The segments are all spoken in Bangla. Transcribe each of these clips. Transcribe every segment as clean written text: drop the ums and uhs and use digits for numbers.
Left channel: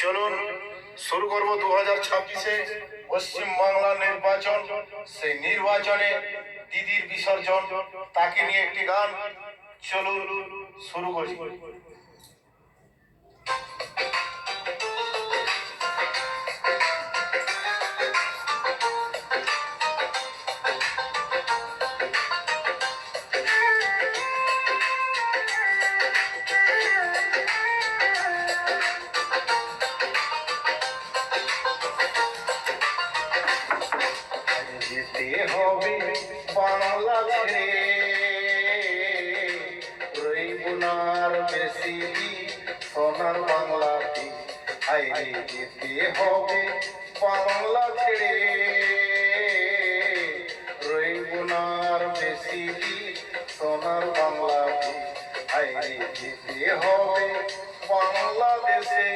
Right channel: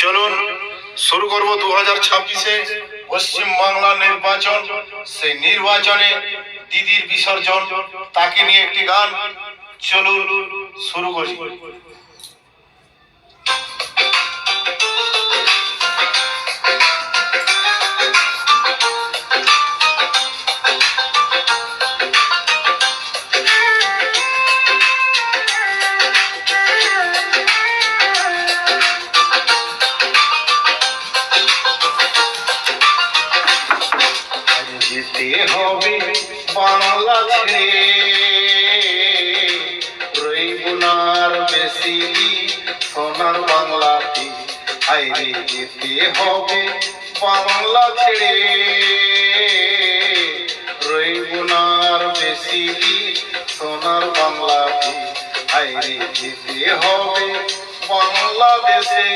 চলুন শুরু করব 2026-এ পশ্চিম বাংলা নির্বাচন। সেই নির্বাচনে দিদির বিসর্জন, তাকে নিয়ে একটি গান। চলুন শুরু করি। যেতে হবে বাংলা ছেড়ে, রইব না আর বেশি সোনার বাংলাতে। আইরে যেতে হবে বাংলা ছেড়ে, রইব না আর বেশি সোনার বাংলাতে। আইরে যেতে হবে বাংলাদেশে।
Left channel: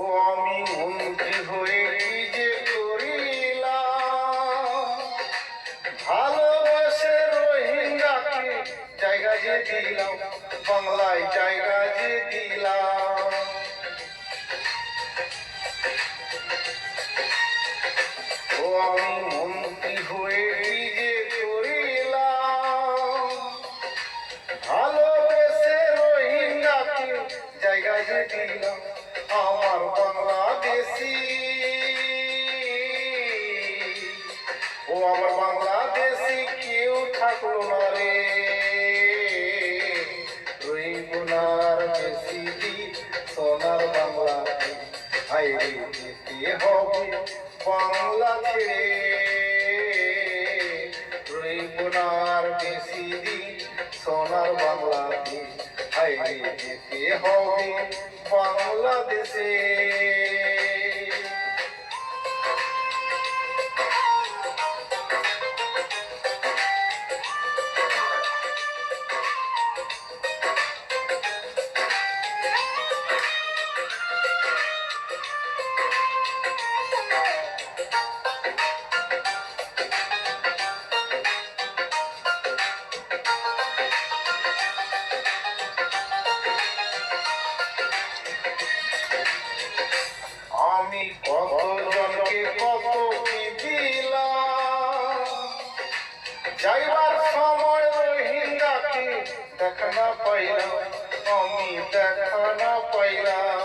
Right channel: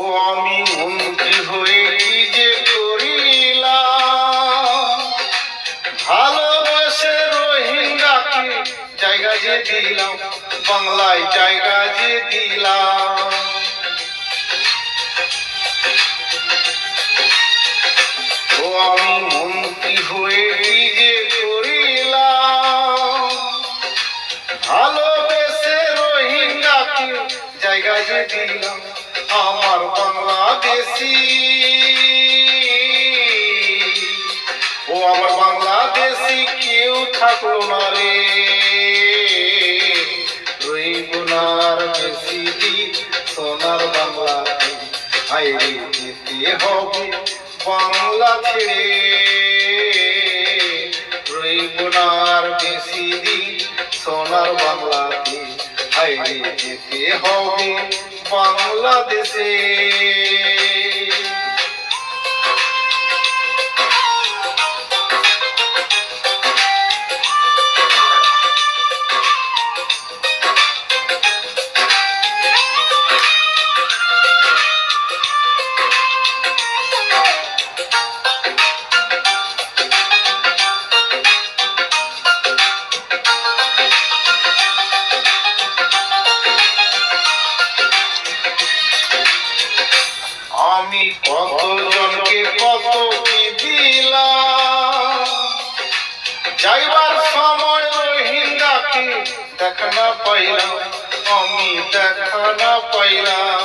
ও আমি মন্ত্রী হয়ে কি যে করিলাম, ভালোবেসে রোহিঙ্গাকে জায়গা যে দিলাম, বাংলায় জায়গা যে দিলাম। ও আমি মন্ত্রী হয়ে কি যে করিলাম, ভালোবেসে রোহিঙ্গাকে জায়গা যে দিলাম। আমার বাংলাদেশি, ও আমার বাংলাদেশি কেউ থাকলো না রে, রইব না আর বেশি দিন সোনার বাংলাতে। আইরে যেতে হবে বাংলা ছেড়ে, রইব না আর বেশি দিন সোনার বাংলাতে। আইরে যেতে হবে বাংলাদেশে। আমি কতজনকে কত কি দিলাম, যাইবার সময় রোহিঙ্গাকে দেখা না পাইলাম, আমি দেখা না পাইলাম।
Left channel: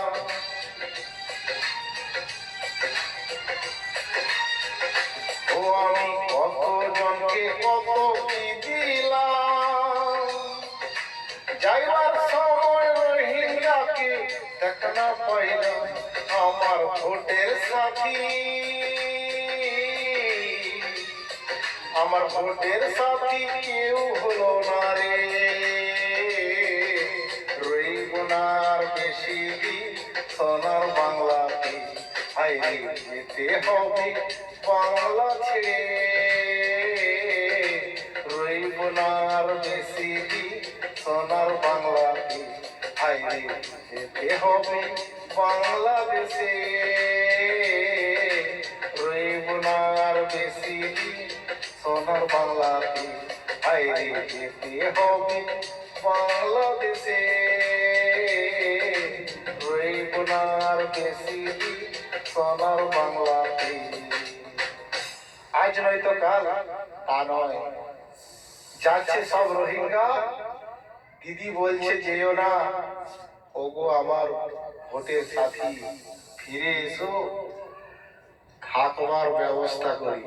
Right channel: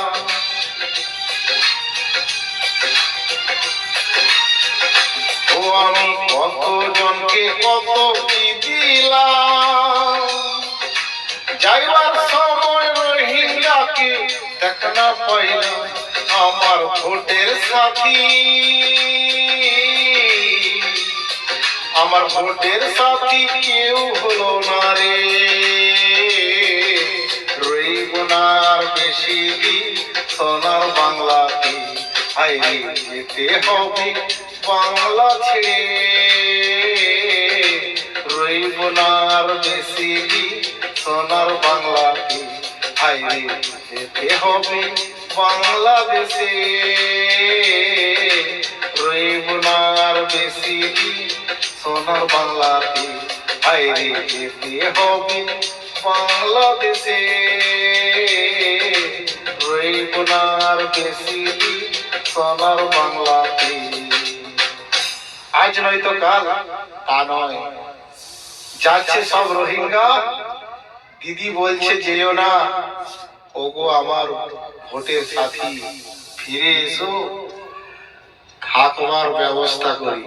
ও আমি কতজনকে কত কি দিলাম, যাইবার সময় রোহিঙ্গাকে দেখা না পাইলাম। আমার ভোটের সাথী, আমার ভোটের সাথী কেউ হলো না রে, রইব না আর বেশি দিন সোনার বাংলাতে। আইরে যেতে হবে বাংলা ছেড়ে, রইব না আর বেশি দিন সোনার বাংলাতে। আইরে যেতে হবে বাংলাদেশে, রইব না আর বেশি দিন সোনার বাংলাতে। আইরে যেতে হবে বাংলাদেশে, রইব না আর বেশি দিন সোনার বাংলাতে। আজ নয়তো কাল, তা নয়, যাচ্ছে সব রোহিঙ্গা। দিদি বলছে যেও না, ওগো আমার ভোটের সাথী, ফিরে এসো, থাকবার ব্যবস্থা করি।